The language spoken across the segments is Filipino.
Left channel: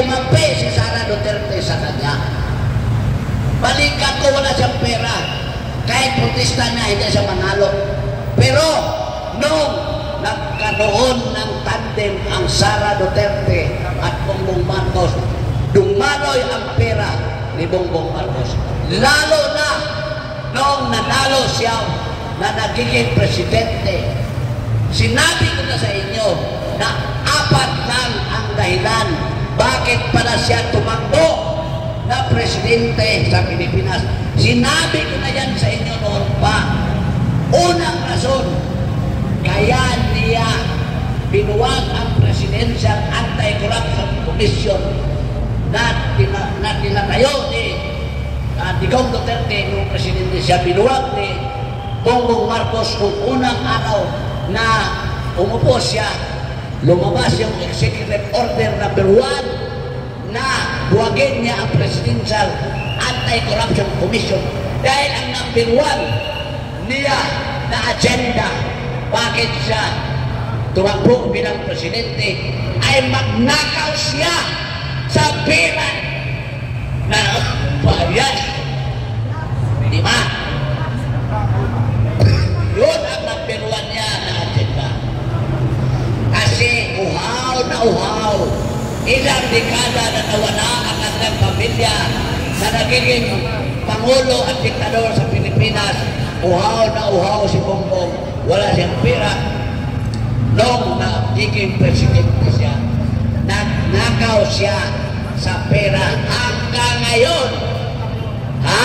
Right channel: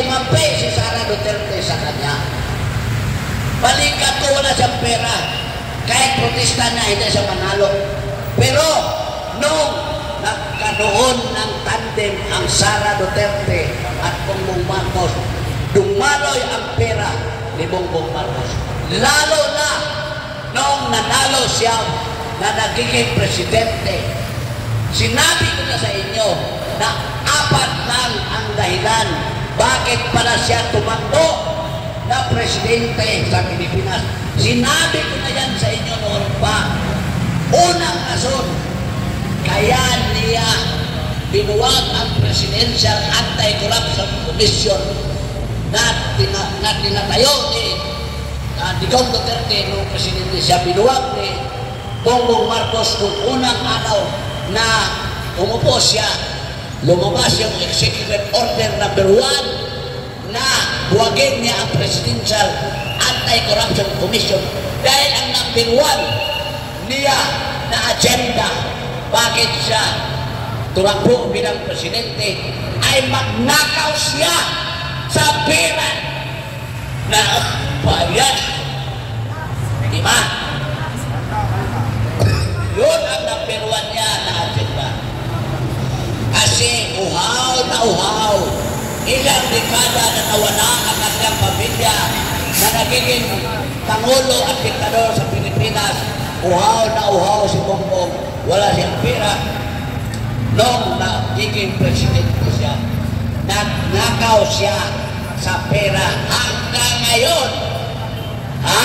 kumampi si Sara Duterte sa kanya. Balikan ko, wala siyang pera. Kahit protesta na, hindi siya manalo. Pero, nung nagkaroon ng tandem ang Sara Duterte at Bongbong Marcos, dumaloy ang pera ni Bongbong Marcos. Lalo na nung nanalo siya na nagiging presidente. Sinabi ko na sa inyo na 4 lang ang dahilan bakit pala siya tumakbo na presidente sa Pilipinas. Sinabi ko na yan sa inyo noon pa. Unang rason, kaya niya binuwag ang Presidential Anti-Corruption Commission na tinatayo ni Digong Duterte noong presidente siya. Binuwag ni Bongbong Marcos kung unang araw na umupo siya, lumabas yung Executive Order number 1 na buwagin niya ang Presidential Anti-Corruption Commission dahil ang number 1 niya na agenda bakit siya tumakbo bilang presidente ay magnakaw siya sa pera na bayan. Diba? Yun ang number 1 niya na agenda. Kasi uhaw na uhaw, ilang dekada na nawala ang kanilang pamilya na nagiging Pangulo at Diktador sa Pilipinas. Uhaw na uhaw si Bongbong, wala siyang pera. Nung nagiging presidente siya, nagnakaw siya sa pera hanggang ngayon. Ha?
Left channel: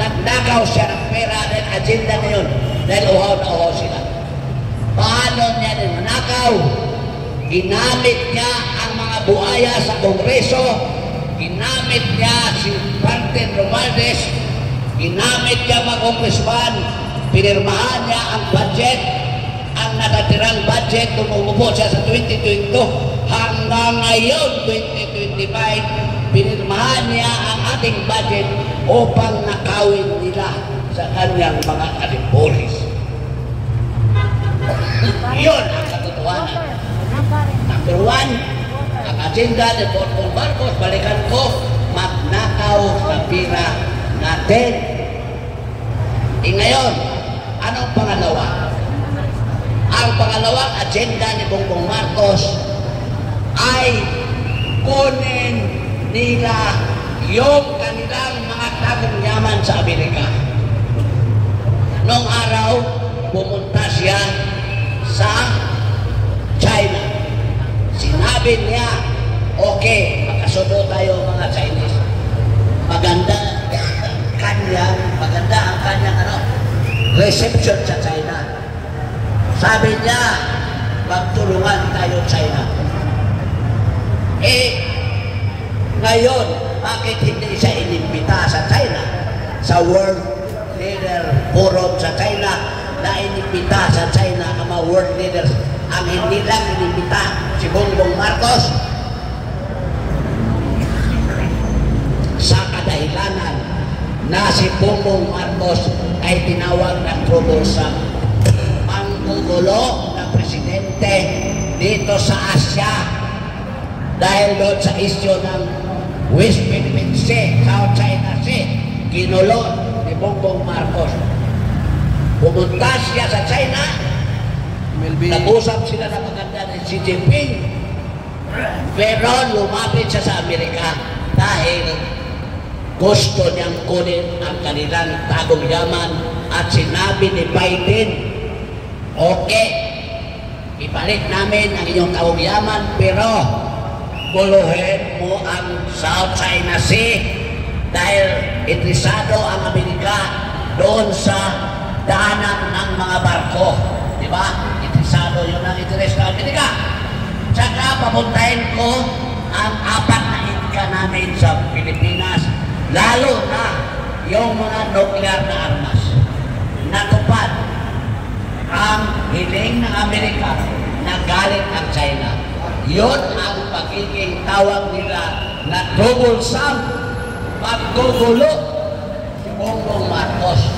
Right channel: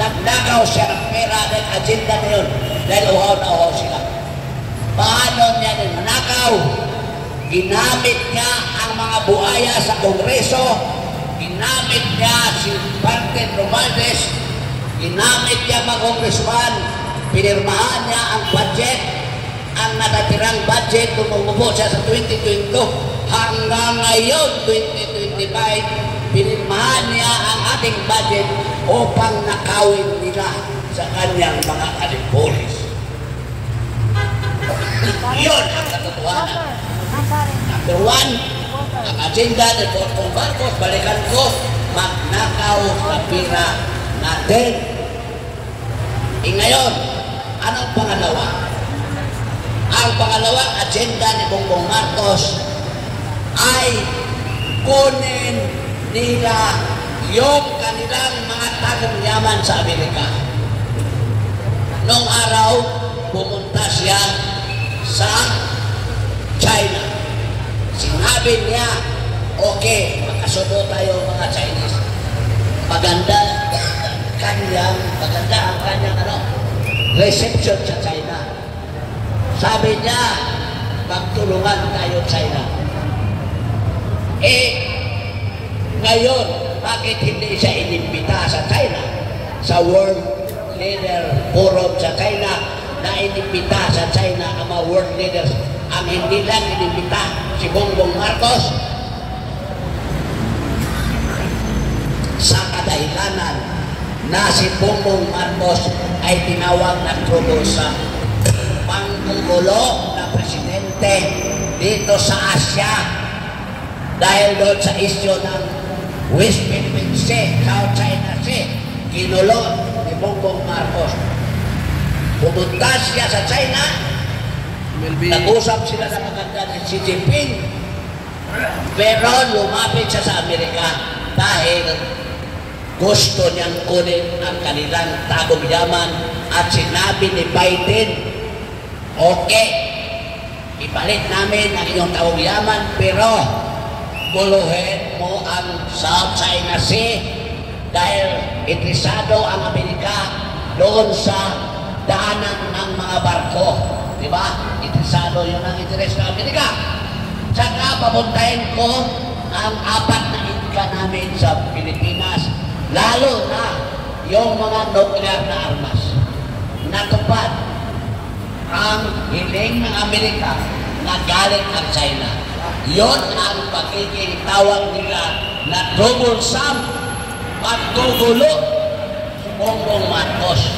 Nagnakaw siya ng pera ng agenda ngayon dahil uhaw na uhaw sila. Paano niya nanakaw? Ginamit niya ang mga buhaya sa Kongreso, ginamit niya si Martin Romualdez, ginamit niya mga congressman, pinirmahan niya ang budget, ang natatirang budget kung umupo siya sa 2022 hanggang ngayon 2025, pinirmahan niya ang ating budget upang nakawin nila sa kanyang mga kalipolis. Iyon ang katotohanan. Number 1, ang agenda ni Bongbong Marcos, balikan ko, magnakaw sa pera natin. Ngayon, anong pangalawa? Ang pangalawang agenda ni Bongbong Marcos ay kunin nila yung kanilang mga tagong yaman sa Amerika. Noong araw, pumunta siya sa China. Sinabi niya, okay, magkasundo tayo mga Chinese. Maganda ang kanyang reception sa China. Sabi niya, magtulungan tayo China. Ngayon, bakit hindi siya inimbita sa China? Sa World Leader Forum sa China, na inimbita sa China ang mga world leaders. Ang hindi lang inimbita si Bongbong Marcos sa kadahilanan na si Bongbong Marcos ay tinawag na troublesome panggugulo na presidente dito sa Asia dahil doon sa issue ng West Philippine Sea, South China Sea, ginulo ni Bongbong Marcos. Pumunta siya sa China, nag-usap sila na maganda ni Xi Jinping, pero lumapit siya sa Amerika dahil gusto niyang kunin ang kanilang tagong yaman at sinabi ni Biden, okay, ipalit namin ang inyong tagong yaman pero guluhin mo ang South China Sea dahil interesado ang Amerika doon sa daanan ng mga barko. Diba? Interesado yun ang interes ng Amerika. Tsaka papuntahin ko ang 4 na itka namin sa Pilipinas, lalo na yung mga nuclear na armas. Natupad ang hiling ng Amerika na galit ang China. Yun ang pagiging tawag nila na troublesome, paggugulo si Bongbong Marcos.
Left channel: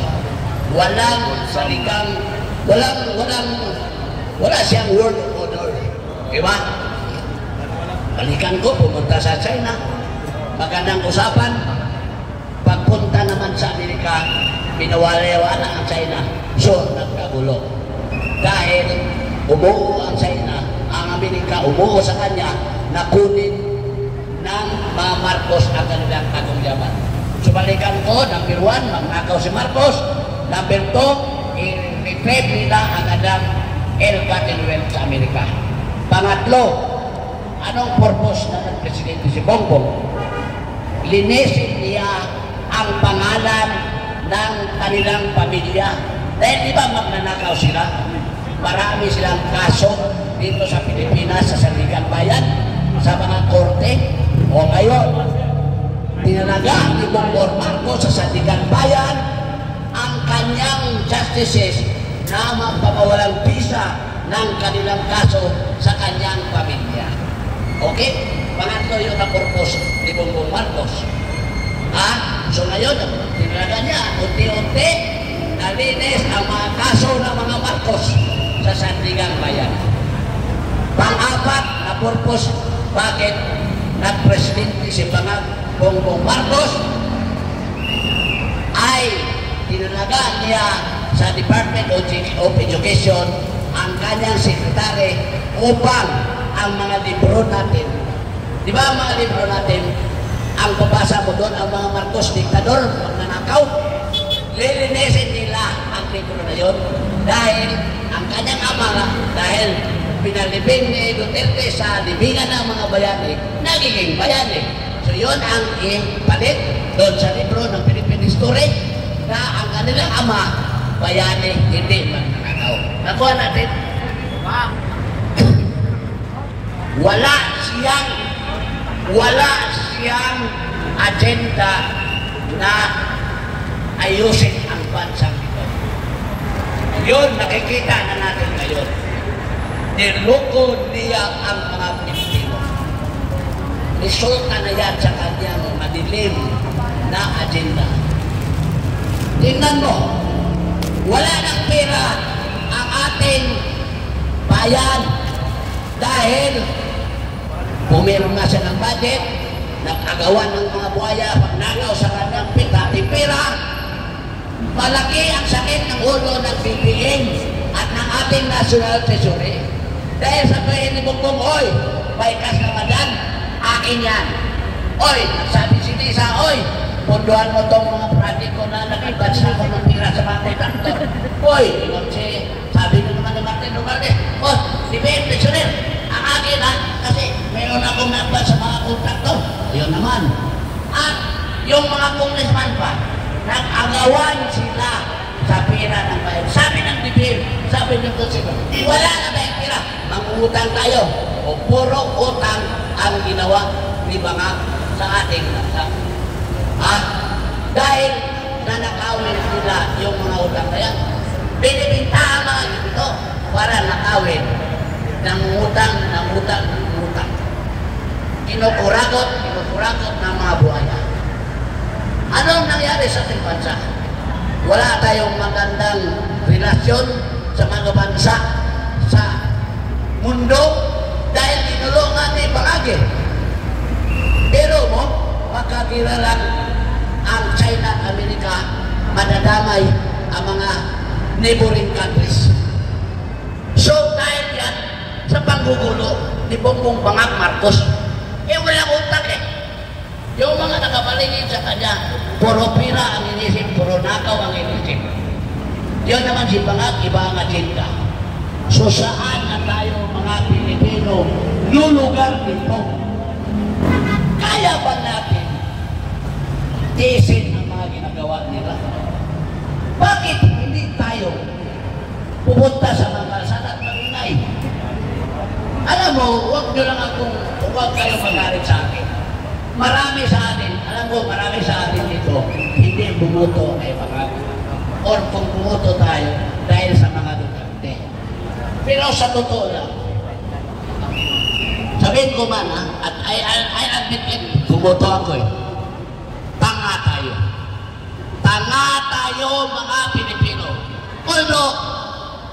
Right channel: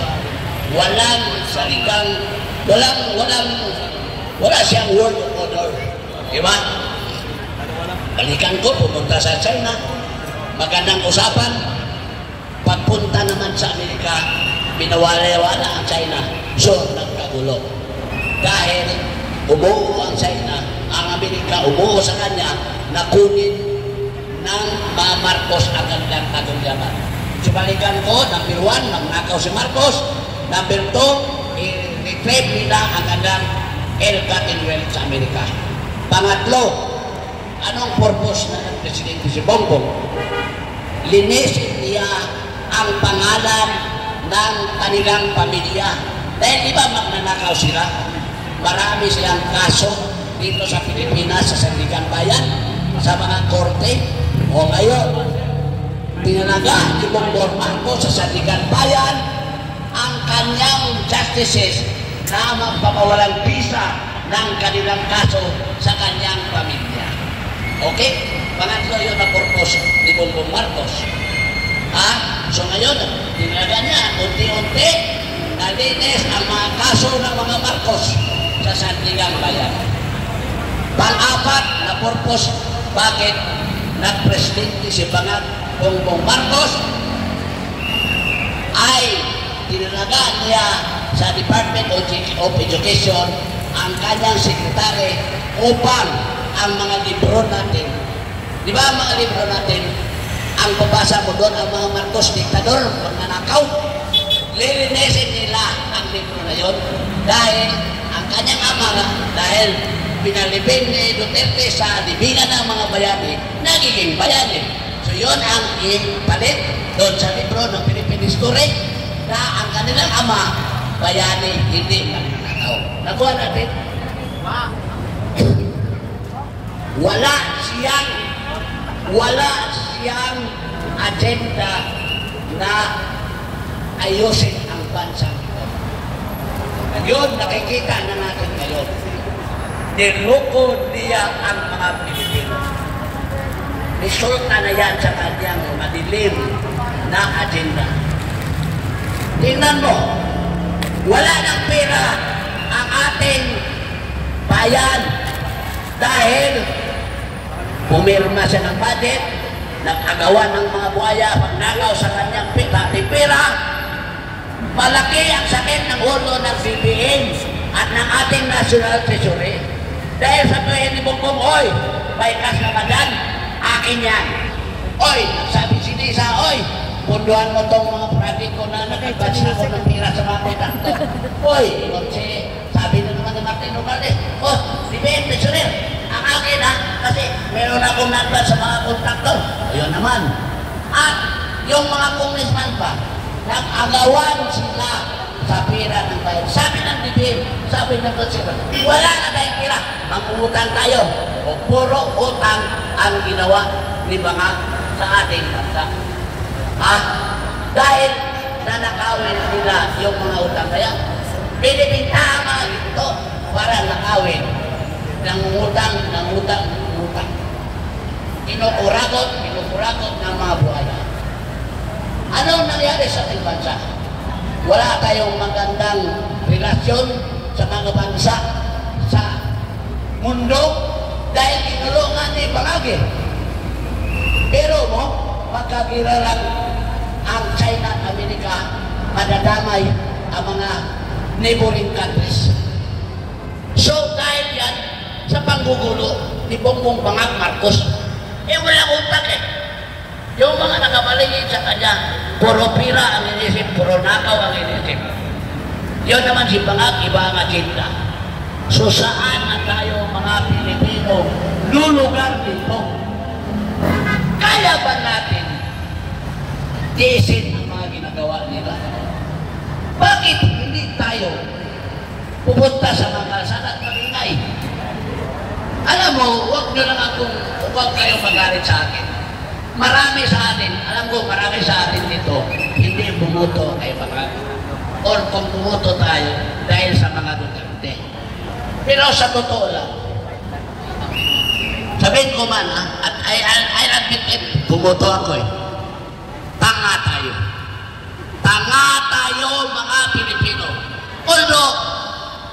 Walang salitang, wala siyang word of order. Diba? Balikan ko, pumunta sa China. Magandang usapan. Pagpunta naman sa Amerika, pinawala-wala ang China. So, nagkagulo. Dahil umuo ang China, ang Amerika umuo sa kanya na kunin ng mga Marcos ang kanilang kagungyaman. So, balikan ko, number 1, magnakaw si Marcos. Number 2, i-retrieve nila ang kanilang ill-gotten wealth sa Amerika. Pangatlo, anong purpose ng Presidente si Bongbong? Linisin niya ang pangalan ng kanilang pamilya. Dahil di ba magnanakaw sila? Marami silang kaso dito sa Pilipinas, sa Sandigan Bayan, sa mga korte. O ngayon, tinalaga ni Bongbong Marcos sa Sandigan Bayan ang kanyang justices na magpapawalang visa ng kanilang kaso sa kanyang pamilya. Okay? Pangatlo yun ang purpose ni Bongbong Marcos. So ngayon, tinalaga niya, unti-unti, nalinis ang mga kaso ng mga Marcos sa Sandigan Bayan. Pang-apat na purpose, bakit nag-presidente si Bongbong Marcos ay tinalaga niya sa Department of Education ang kanyang sekretary upang ang mga libro natin, di ba ang mga libro natin, ang papasa mo doon ang mga Marcos diktador, magnanakaw, lilinisin nila ang libro na yun dahil ang kanyang ama, dahil pinalibing ni Duterte sa libingan ng mga bayani, nagiging bayani. So yun ang ipalit doon sa libro ng Philippine History na ang kanilang ama, bayani, hindi magnanakaw. Nakuha natin? Wala siyang agenda na ayusin ang bansang ito. Yun, nakikita na natin ngayon. Niloko niya ang mga Pilipino. Resulta na yan sa kanyang madilim na agenda. Tingnan mo, wala ng pera ang ating bayan dahil pumirma siya ng budget, nag-agawan ng mga buhaya, magnakaw sa kanyang pera. Malaki ang sakit ng ulo ng BBM at ng ating National Treasury. Dahil sabihin ni Bongbong, oy, may kas naman yan, akin yan. Oy, sabi si Lisa, oy, punduhan mo tong mga project ko na nag-advance ako ng pera sa mga kontraktor. Oy, sabi na naman ni Martin Romualdez, oh, BBM Treasury, ang akin ha, kasi meron akong nagbat sa mga kontraktor. Ayun naman. At yung mga congressman pa, nag-agawan sila sa pera ng bayan. Sabi ng BBM, sabi ng congressman, wala na tayong pera, mangutang tayo. O puro utang ang ginawa ni mga sa ating bansa. Dahil nanakawin nila yung mga utang kaya, binibintahan mga ito para nakawin. Nangutang. Kinukurakot ng mga buhaya. Anong nangyari sa ating bansa? Wala tayong magandang relasyon sa mga bansa sa mundo dahil inulungan ni Pangagi. Pero mo, pagkakilalang ang China at Amerika, madadamay ang mga neighboring countries. So dahil yan, sa panggugulo ni Bongbong Marcos, walang utak eh. Yung mga nakapaligid sa kanya, puro pira ang inisip, puro nakaw ang inisip. Yun naman si Bangag, iba ang agenda. So saan na tayo mga Pilipino lulugar dito? Kaya ba natin tiisin ang mga ginagawa nila? Bakit hindi tayo pupunta sa mga kalsada at maingay? Alam mo, huwag kayo magalit sa akin. Marami sa atin, alam ko, marami sa atin dito, hindi bumuto kay Bangag. Or kung bumuto tayo dahil sa mga Duterte. Pero sa totoo lang, sabihin ko man, at I admit it, bumuto ako eh. Tanga tayo. Tanga tayo mga Pilipino. Although,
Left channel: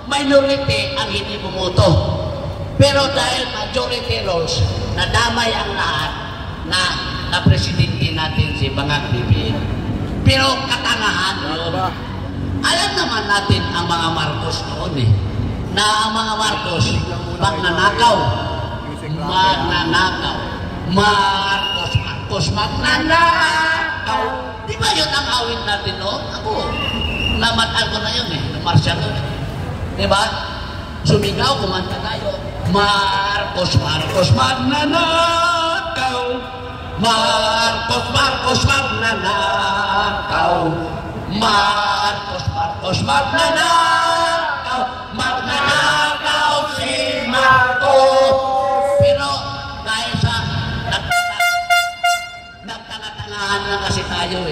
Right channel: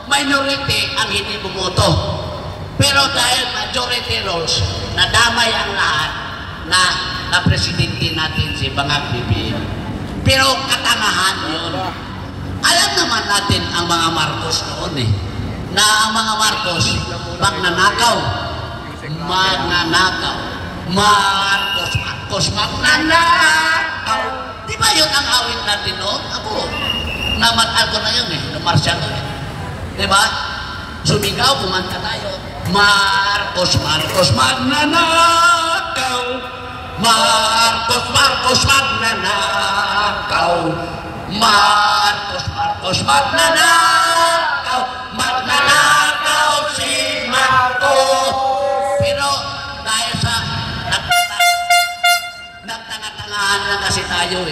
minority ang hindi bumuto. Pero Pero dahil majority rules, nadamay ang lahat na presidente natin si Bangag BBM. Pero katangahan yun. Alam naman natin ang mga Marcos noon na ang mga Marcos, magnanakaw, Marcos, magnanakaw. Di ba yun ang awit natin noon? Ako, namataan ko na yun Marshall. Di ba? Sumigaw, kumanta tayo. Marcos, magnanakaw. Marcos, magnanakaw. Marcos, magnanakaw. Magnanakaw si Marcos. Pero dahil sa nagtanga-tangahan na kasi tayo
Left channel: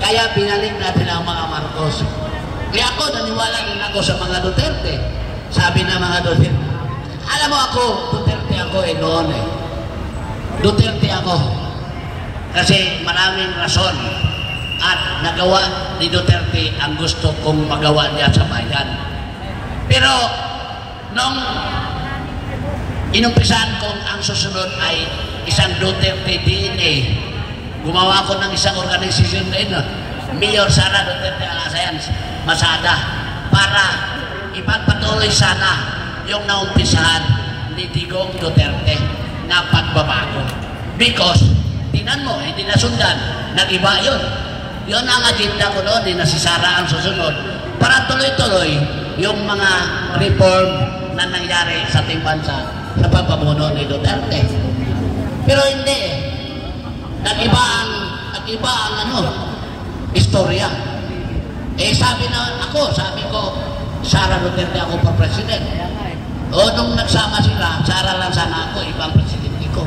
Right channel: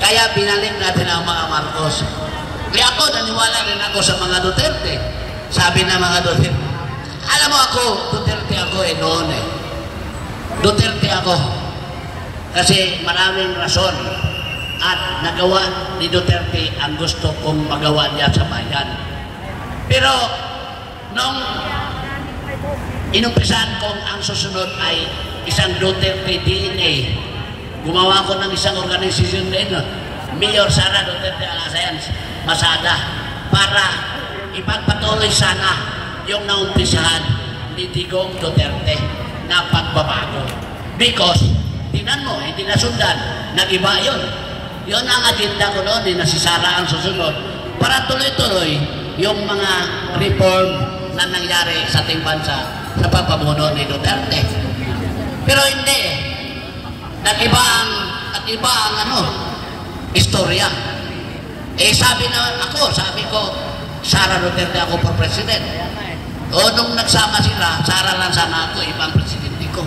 kaya binalik natin ang mga Marcos. Kaya ako, naniwala rin ako sa mga Duterte. Sabi na mga Duterte, alam mo ako, Duterte ako noon Duterte ako. Kasi maraming rason at nagawa ni Duterte ang gusto kong magawa niya sa bayan. Pero nung inumpisahan kong ang susunod ay isang Duterte DNA, gumawa ko ng isang organisasyon din, Mayor Sara Duterte Alliance Masada, para ipagpatuloy sana yung naumpisahan ni Digong Duterte na pagbabago. Because, tinan mo, hindi nasundan, nag-iba yun. Yun ang agenda ko noon, na si Sara ang susunod, para tuloy-tuloy yung mga reform na nangyari sa ating bansa sa pagpamuno ni Duterte. Pero hindi nag-iba ang istorya. Sabi ko, Sara Duterte ako pa president. O nung nagsama sila, Sara lang sana ako, ibang presidente ko.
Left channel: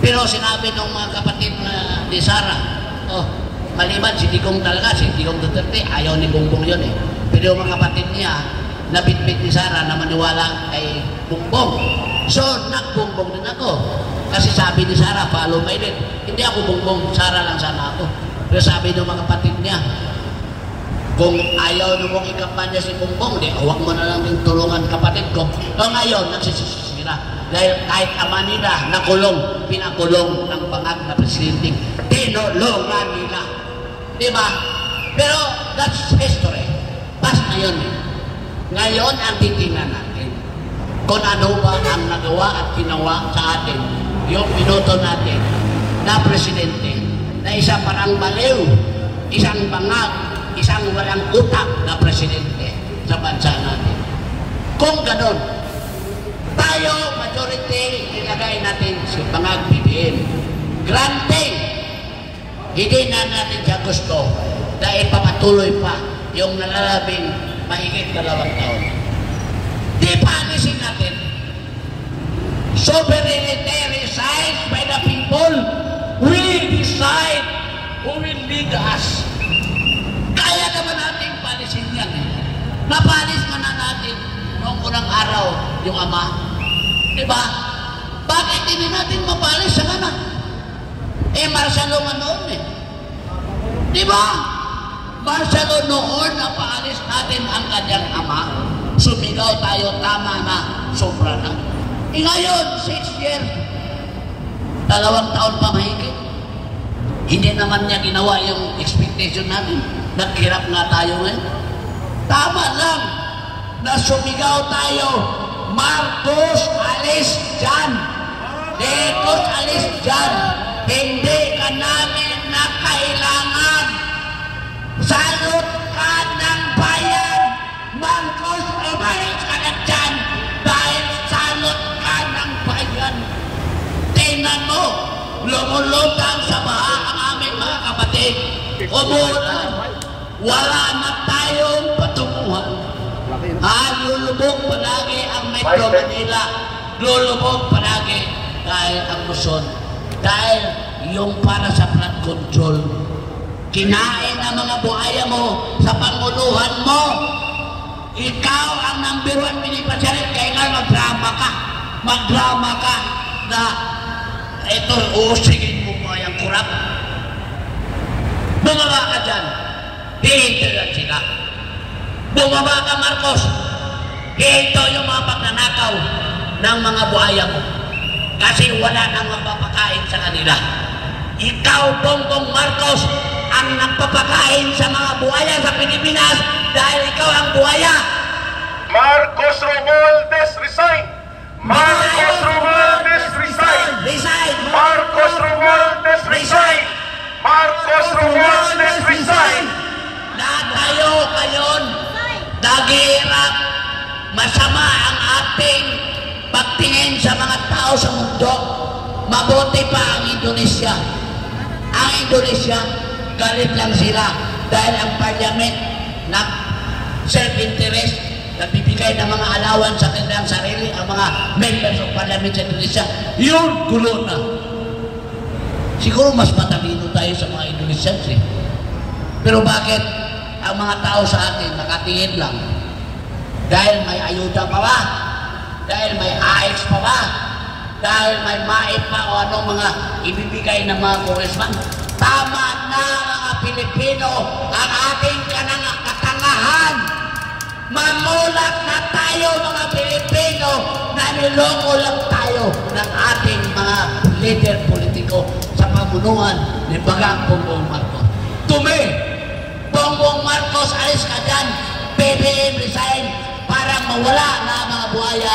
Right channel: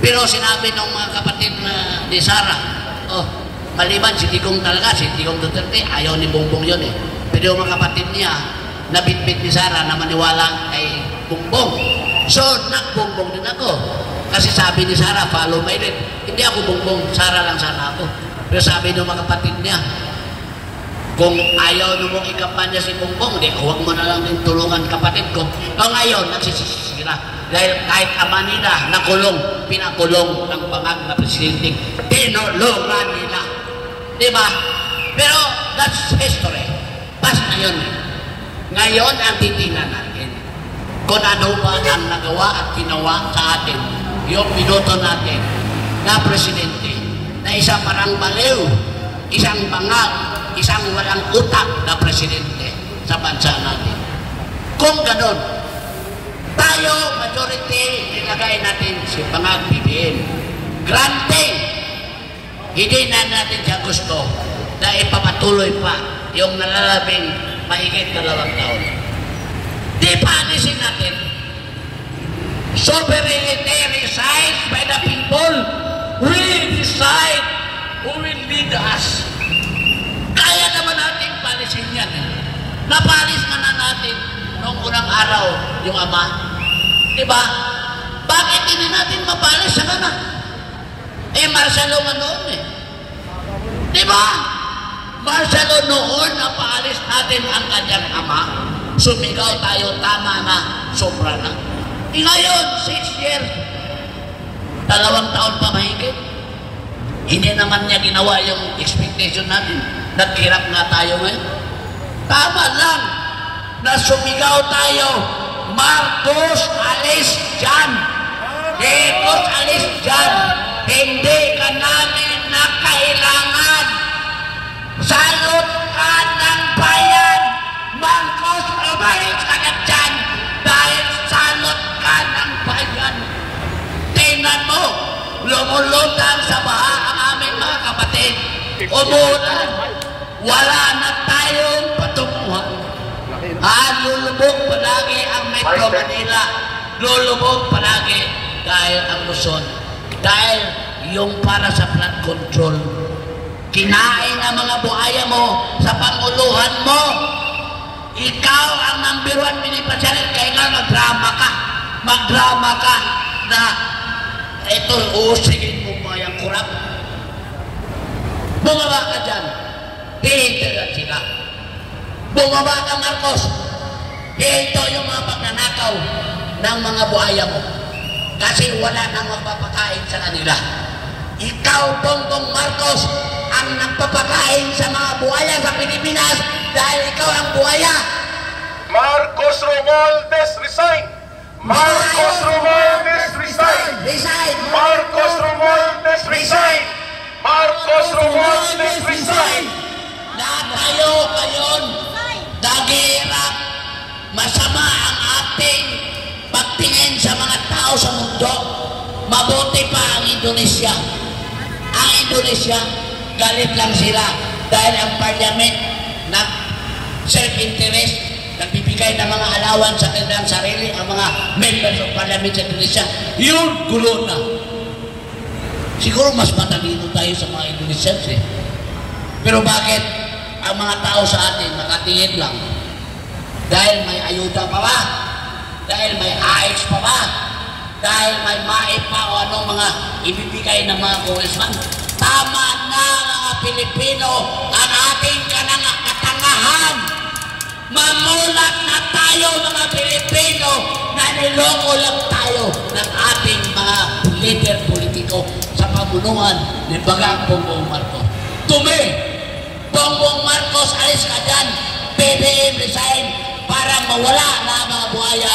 Pero sinabi ng mga kapatid ni Sara, maliban si Digong talaga, si Digong Duterte, ayaw ni Bongbong yun Pero yung mga kapatid niya, nabitbit ni Sara na maniwala kay Bongbong. So, nag-Bongbong din ako. Kasi sabi ni Sara, follow my lead. Hindi ako Bongbong, Sara lang sana ako. Pero sabi ng mga kapatid niya, kung ayaw na mong ikampanya si Bongbong, huwag mo na lang yung tulungan kapatid ko. O ngayon, nagsisisi sila. Dahil kahit ama nila nakulong, pinakulong ng Bangag na presidente, tinulungan nila. Diba? Pero that's history. Past na yun. Ngayon ang titingnan natin kung ano ba ang nagawa at ginawa sa atin yung minuto natin na presidente na isang parang baliw, isang bangag, isang walang utak na presidente sa bansa natin. Kung ganon, tayo, majority, ilagay natin si Bangag BBM. Granting, hindi na natin siya gusto na ipapatuloy pa yung nalalabing mahigit 2 taon. Di paanisin natin. Sovereignty resides by the people. We decide who will lead us. Kaya naman natin paalisin yan. Napalis na natin noong unang araw yung ama. Diba? Bakit hindi natin mapalis sa kanan? Marcelo nga noon Diba? Marcelo noon na paalis natin ang kanyang ama. Sumigaw tayo, tama na, sobra na. Ngayon, 6 years, 2 taon pa mahigit. Hindi naman niya ginawa yung expectation natin. Naghirap nga tayo ngayon. Tama lang na sumigaw tayo, Marcos, alis dyan. Marcos, alis dyan. Hindi ka namin na kailangan. Salot ka ng bayan. Marcos, umalis ka na dyan. Dahil salot ka ng bayan. Tingnan mo, lumulutang sa baha ang aming mga kapatid. Umulan. Wala na tayong patunguhan. Lulubog palagi ang Metro Manila. Lulubog palagi dahil ang Luzon. Dahil yung para sa flood control. Kinain ang mga buhaya mo sa panguluhan mo. Ikaw ang number 1 beneficiary. Kaya nga magdrama ka. Magdrama ka na ito, usigin mo ba yung kurap? Bumaba ka dyan. Hihintayan sila. Bumaba ka, Marcos. Ito yung mga pagnanakaw. ng mga buhaya mo. Kasi wala nang magpapakain sa kanila. Ikaw, Bongbong Marcos, ang nagpapakain sa mga buhaya sa Pilipinas dahil ikaw ang buhaya. Marcos Romualdez, resign! Marcos Romualdez, resign! Resign! Marcos Romualdez, resign! Marcos Romualdez, resign! Lahat tayo ngayon naghihirap. Masama ang ating pagtingin sa mga tao sa mundo. Mabuti pa ang Indonesia. Ang Indonesia, galit lang sila dahil ang parliament na self-interest, nagbibigay ng mga alawan sa kanilang sarili, ang mga members of parliament sa Indonesia, yun, gulo na. Siguro mas matalino tayo sa mga Indonesians eh. Pero bakit ang mga tao sa atin nakatingin lang? Dahil may ayuda pa ba? Dahil may AX pa ba? Dahil may MAIP pa o anong mga ibibigay ng mga congressman? Tama na mga Pilipino ang ating katangahan. Mamulat na tayo mga Pilipino na niloko lang tayo ng ating mga leader politiko sa pamunuan ni Bagang Bongbong Marcos. Bongbong Marcos, alis ka dyan. PBM resign para mawala na mga buhaya.